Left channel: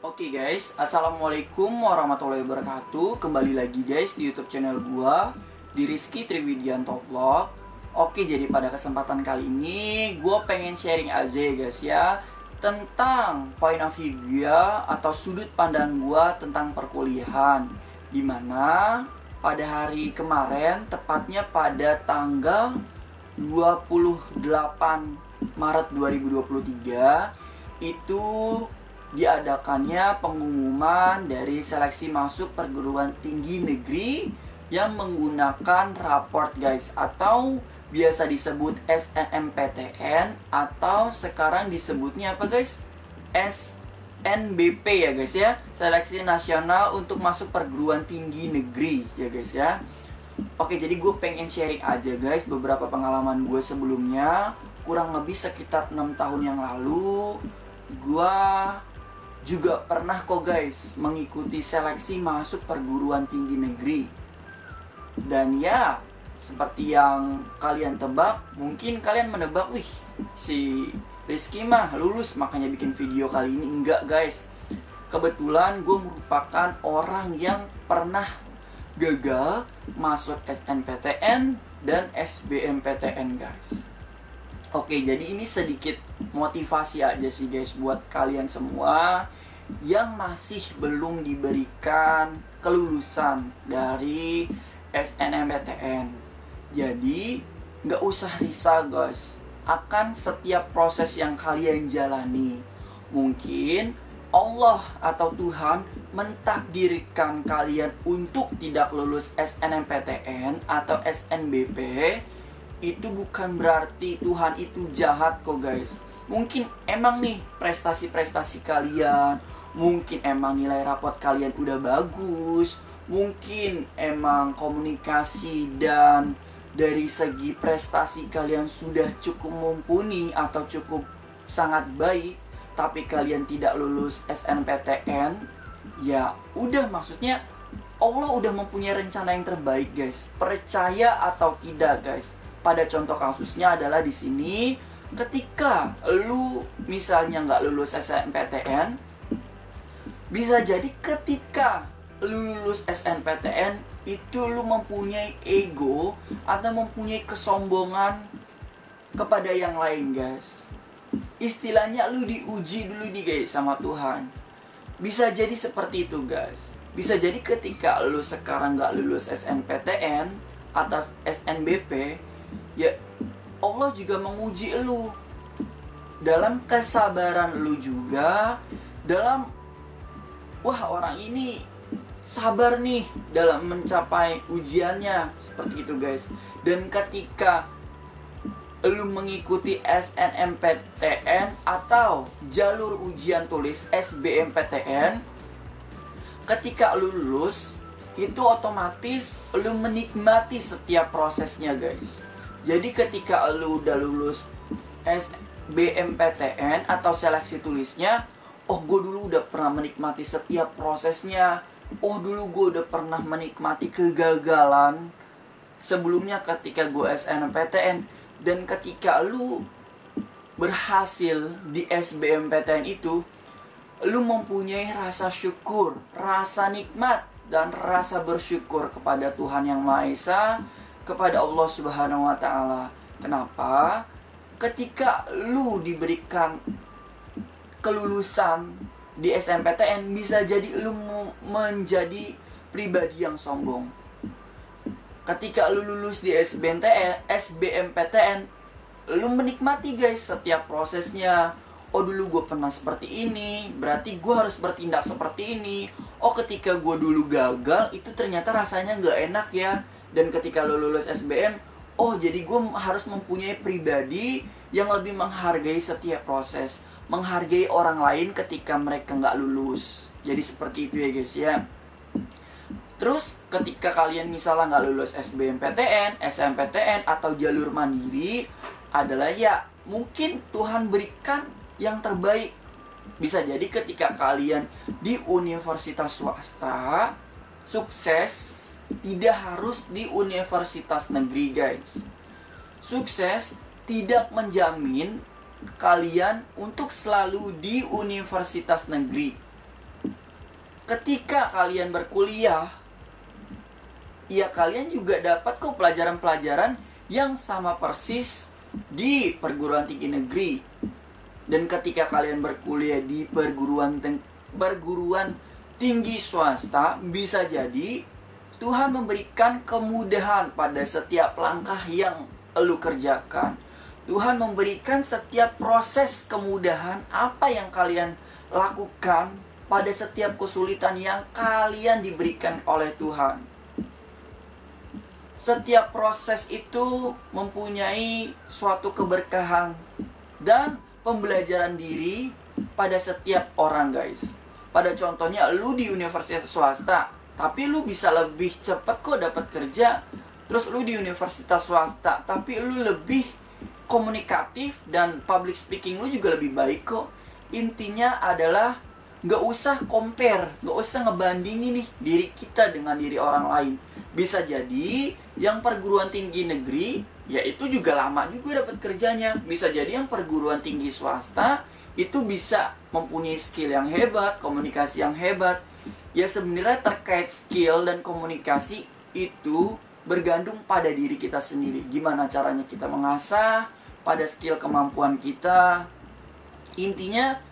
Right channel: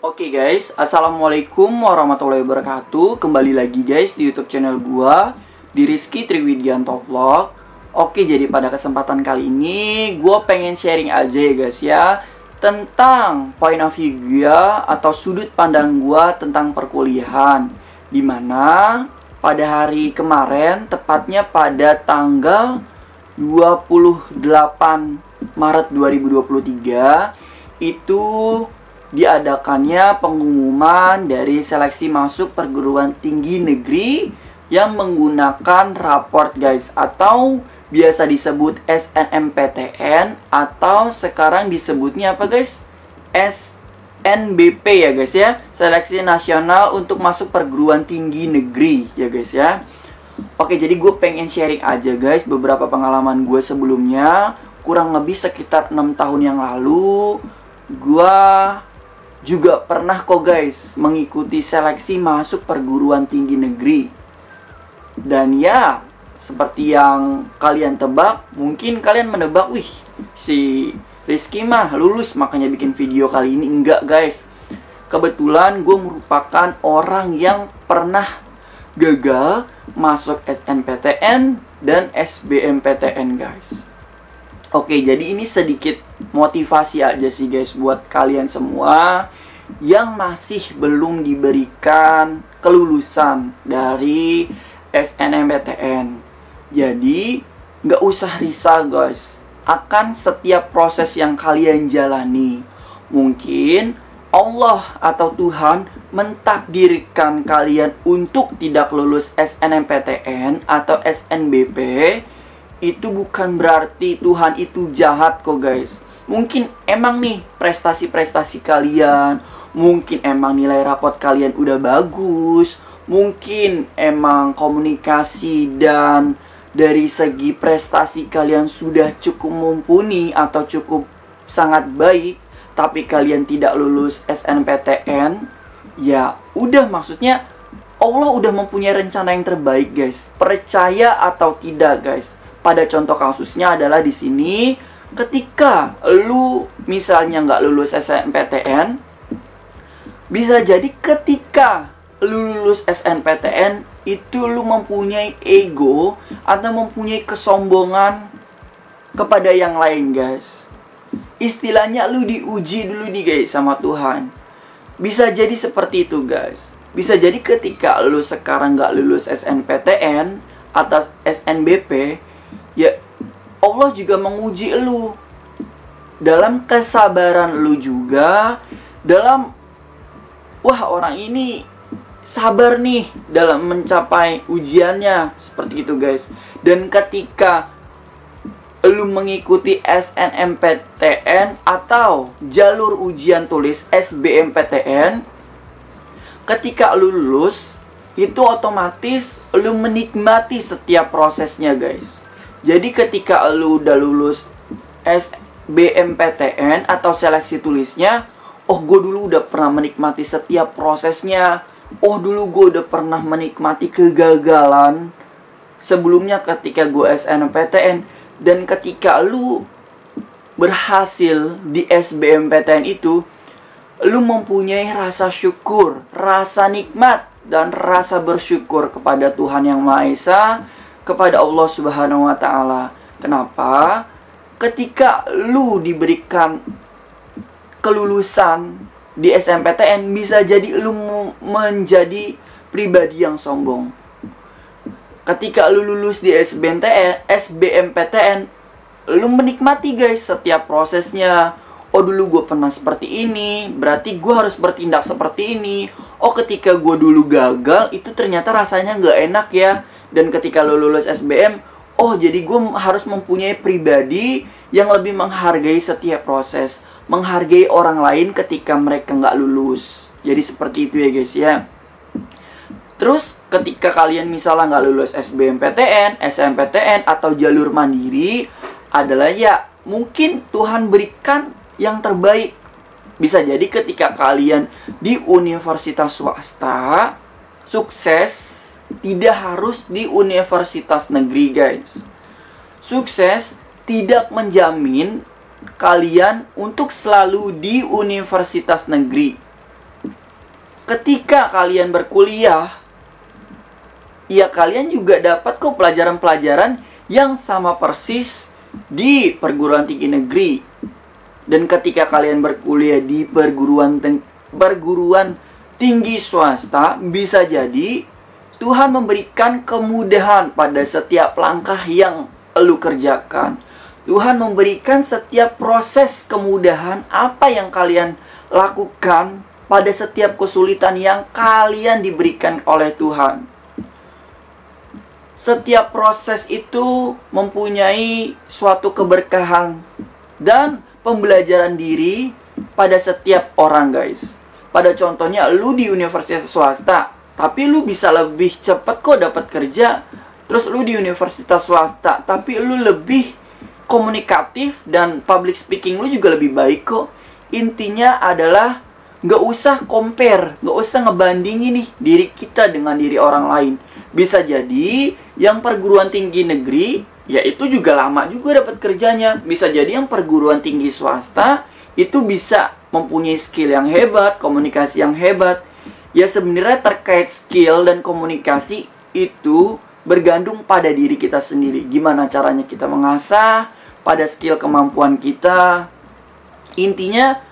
Oke guys, assalamualaikum warahmatullahi wabarakatuh. Kembali lagi guys di YouTube channel gua, di Rizky Triwidianto Vlog. Oke, jadi pada kesempatan kali ini gua pengen sharing aja ya guys ya, tentang point of view gua atau sudut pandang gua tentang perkuliahan. Dimana pada hari kemarin, tepatnya pada tanggal 28 Maret 2023, itu diadakannya pengumuman dari seleksi masuk perguruan tinggi negeri yang menggunakan raport guys, atau biasa disebut SNMPTN, atau sekarang disebutnya apa guys? SNBP ya guys ya, Seleksi Nasional untuk Masuk Perguruan Tinggi Negeri ya guys ya. Oke, jadi gue pengen sharing aja guys beberapa pengalaman gue sebelumnya. Kurang lebih sekitar 6 tahun yang lalu, gue juga pernah kok guys mengikuti seleksi masuk perguruan tinggi negeri. Dan ya, seperti yang kalian tebak, mungkin kalian menebak, wih, si Rizky mah lulus makanya bikin video kali ini. Enggak guys, kebetulan gue merupakan orang yang pernah gagal masuk SNPTN dan SBMPTN guys. Oke, jadi ini sedikit motivasi aja sih guys buat kalian semua yang masih belum diberikan kelulusan dari SNMPTN. Jadi nggak usah risau guys akan setiap proses yang kalian jalani. Mungkin Allah atau Tuhan mentakdirkan kalian untuk tidak lulus SNMPTN atau SNBP. Itu bukan berarti Tuhan itu jahat kok guys. Mungkin emang nih prestasi-prestasi kalian, mungkin emang nilai rapot kalian udah bagus, mungkin emang komunikasi dan dari segi prestasi kalian sudah cukup mumpuni atau cukup sangat baik, tapi kalian tidak lulus SNPTN. Ya udah, maksudnya Allah udah mempunyai rencana yang terbaik guys. Percaya atau tidak guys. Pada contoh kasusnya adalah di sini, ketika lu misalnya nggak lulus SNMPTN, bisa jadi ketika lu lulus SNMPTN itu lu mempunyai ego atau mempunyai kesombongan kepada yang lain guys. Istilahnya lu diuji dulu nih guys sama Tuhan. Bisa jadi seperti itu guys. Bisa jadi ketika lu sekarang nggak lulus SNPTN atau SNBP, ya Allah juga menguji lu dalam kesabaran lu juga, dalam wah orang ini sabar nih dalam mencapai ujiannya, seperti itu guys. Dan ketika lu mengikuti SNMPTN atau jalur ujian tulis SBMPTN, ketika lu lulus itu otomatis lu menikmati setiap prosesnya guys. Jadi ketika lu udah lulus SBMPTN atau seleksi tulisnya, oh gue dulu udah pernah menikmati setiap prosesnya. Oh dulu gue udah pernah menikmati kegagalan sebelumnya ketika gue SNMPTN. Dan ketika lu berhasil di SBMPTN itu, lu mempunyai rasa syukur, rasa nikmat, dan rasa bersyukur kepada Tuhan Yang Maha Esa, kepada Allah Subhanahu wa Ta'ala. Kenapa? Ketika lu diberikan kelulusan di SNMPTN, bisa jadi lu menjadi pribadi yang sombong. Ketika lu lulus di SBMPTN, lu menikmati guys setiap prosesnya. Oh dulu gue pernah seperti ini, berarti gue harus bertindak seperti ini. Oh ketika gue dulu gagal, itu ternyata rasanya nggak enak ya. Dan ketika lu lulus SBM, oh jadi gue harus mempunyai pribadi yang lebih menghargai setiap proses, menghargai orang lain ketika mereka nggak lulus. Jadi seperti itu ya guys ya. Terus ketika kalian misalnya nggak lulus SBMPTN, SNMPTN atau jalur mandiri, adalah ya mungkin Tuhan berikan yang terbaik. Bisa jadi ketika kalian di universitas swasta sukses, tidak harus di universitas negeri guys. Sukses tidak menjamin kalian untuk selalu di universitas negeri. ketika kalian berkuliah, ya kalian juga dapat kok pelajaran-pelajaran yang sama persis di perguruan tinggi negeri. Dan ketika kalian berkuliah di perguruan tinggi swasta, bisa jadi Tuhan memberikan kemudahan pada setiap langkah yang lu kerjakan. Tuhan memberikan setiap proses kemudahan apa yang kalian lakukan pada setiap kesulitan yang kalian diberikan oleh Tuhan. Setiap proses itu mempunyai suatu keberkahan dan pembelajaran diri pada setiap orang, guys. Pada contohnya, lu di universitas swasta, tapi lu bisa lebih cepat kok dapat kerja. Terus lu di universitas swasta, tapi lu lebih komunikatif dan public speaking lu juga lebih baik kok. Intinya adalah nggak usah compare, nggak usah ngebandingin nih diri kita dengan diri orang lain. Bisa jadi yang perguruan tinggi negeri, ya itu juga lama juga dapat kerjanya. Bisa jadi yang perguruan tinggi swasta itu bisa mempunyai skill yang hebat, komunikasi yang hebat. Ya sebenarnya terkait skill dan komunikasi itu bergantung pada diri kita sendiri. Gimana caranya kita mengasah pada skill kemampuan kita. Intinya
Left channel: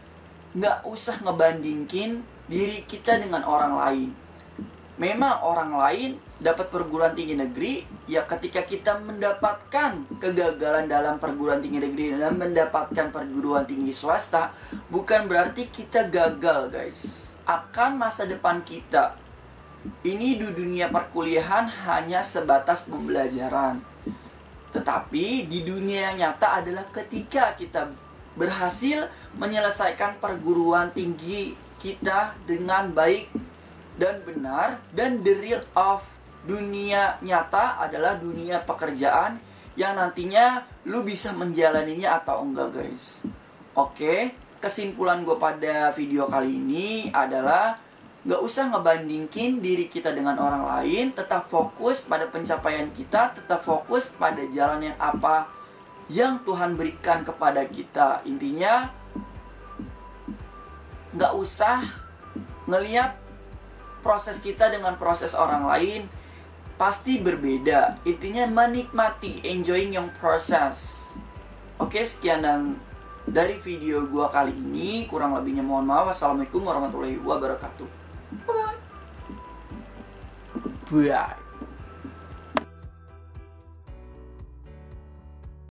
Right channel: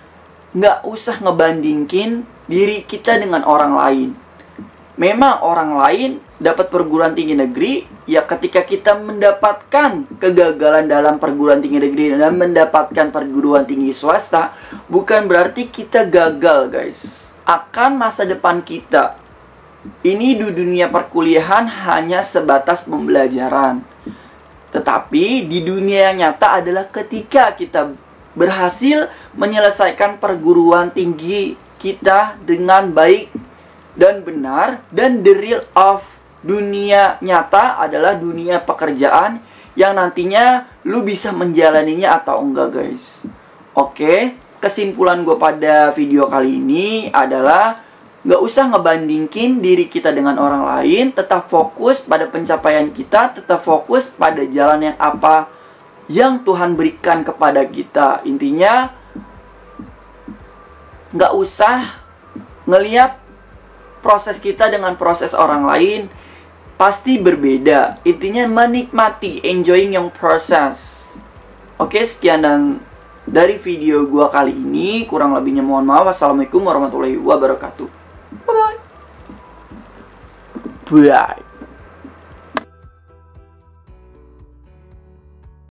nggak usah ngebandingin diri kita dengan orang lain. Memang orang lain dapat perguruan tinggi negeri, ya ketika kita mendapatkan kegagalan dalam perguruan tinggi negeri dan mendapatkan perguruan tinggi swasta, bukan berarti kita gagal, guys. Akan masa depan kita. Ini di dunia perkuliahan hanya sebatas pembelajaran. Tetapi di dunia yang nyata adalah ketika kita berhasil menyelesaikan perguruan tinggi kita dengan baik dan benar. Dan the real of dunia nyata adalah dunia pekerjaan yang nantinya lu bisa menjalaninya atau enggak, guys. Oke, kesimpulan gue pada video kali ini adalah nggak usah ngebandingin diri kita dengan orang lain. Tetap fokus pada pencapaian kita. Tetap fokus pada jalan yang apa yang Tuhan berikan kepada kita. Intinya nggak usah ngelihat proses kita dengan proses orang lain. Pasti berbeda. Intinya menikmati, enjoying your process. Oke, sekian dan dari video gua kali ini. Kurang lebihnya mohon maaf. Wassalamualaikum warahmatullahi wabarakatuh. Bye.